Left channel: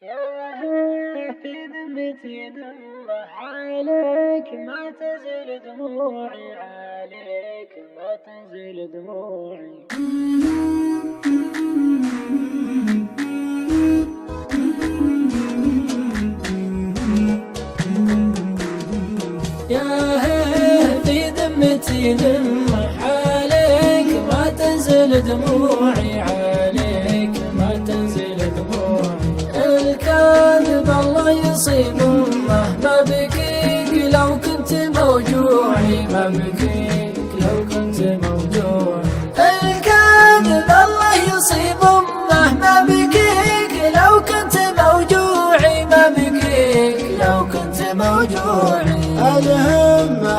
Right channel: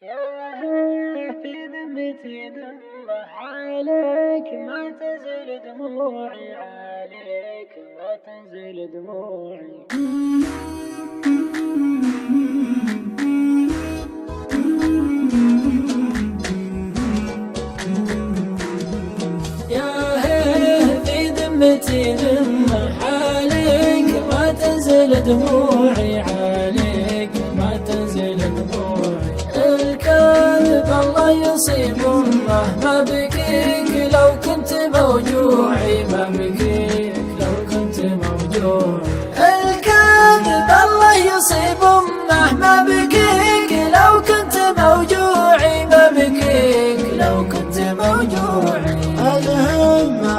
في ذمتي دمه عليك ما تزل دموعي، عليك ما تزل دموعي. يا هيه في ذمتي دمه عليك ما تنزل دموعي، عليك ما تنزل دموعي. الكاذب الله يصيب مهما بكيك لو كنت موجوعي، ما بكيك لو كنت موجوعي. الكاذب الله يصيب مهما بكيك لو كنت موجوعي، ما بكيك لو كنت موجوعي. الهمة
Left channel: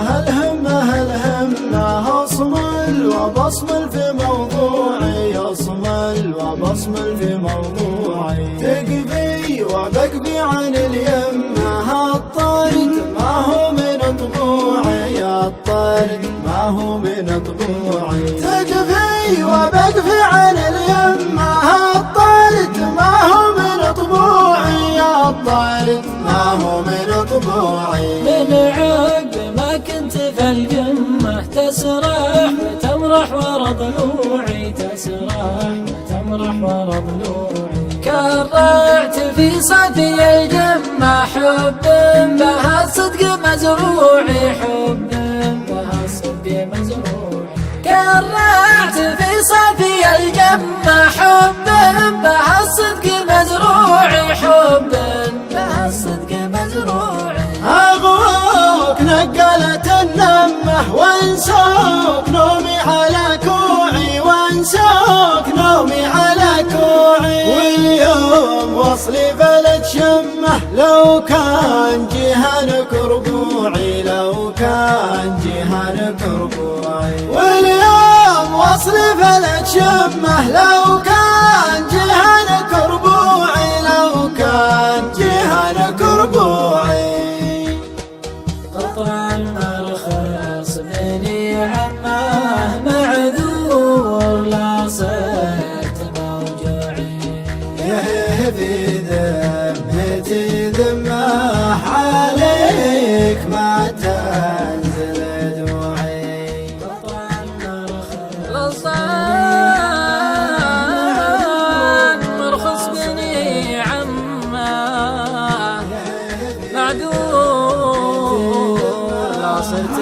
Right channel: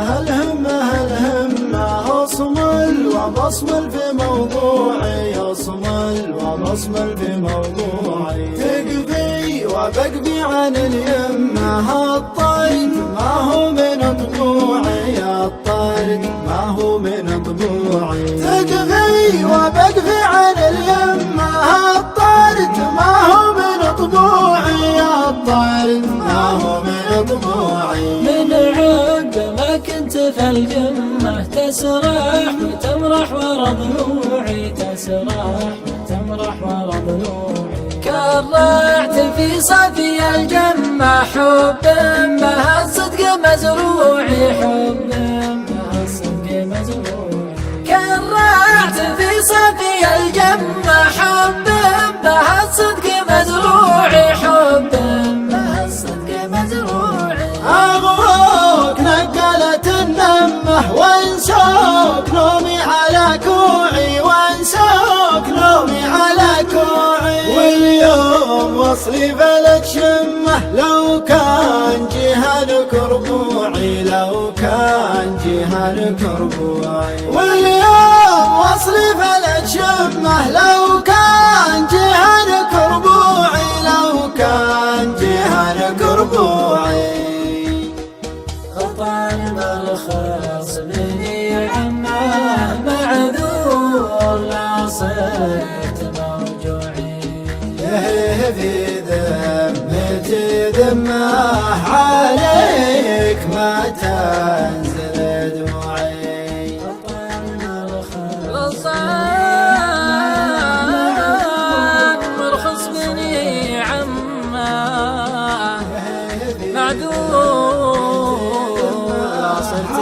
أصمل وبصمل في موضوعي، أصمل وبصمل في موضوعي. تقبي وبقبي عن اليمة، الطارد ما هو من طبوعي، الطارد ما هو من طبوعي. تقبي وبقبي عن اليمة، الطارد ما هو من طبوعي، الطارد ما هو من طبوعي. من عقب ما كنت في الجمة تسرح وتمرح ورا ضلوعي، تسرح وتمرح ورا ضلوعي. كرعت في صفي الجمة حب بها الصدق مزروعي، حب بها الصدق مزروعي. كرعت في صفي الجمة حب بها الصدق مزروعي، حب بها الصدق مزروعي. أغوك نقلت النمة وانسوك نومي على كوعي، وانسوك نومي على كوعي. واليوم وصلي بلد شمه لو كان جهنك ربوعي، لو كان جهنك ربوعي. واليوم وصلي بلد شمه لو كان جهنك ربوعي، لو كان جهنك ربوعي. قطع الرخص مني عماه معذور لا صرت موجوعي. في ذمتي دمه عليك ما تنزل دموعي. قطع الرخص مرخص مني عماه معذور لا صرت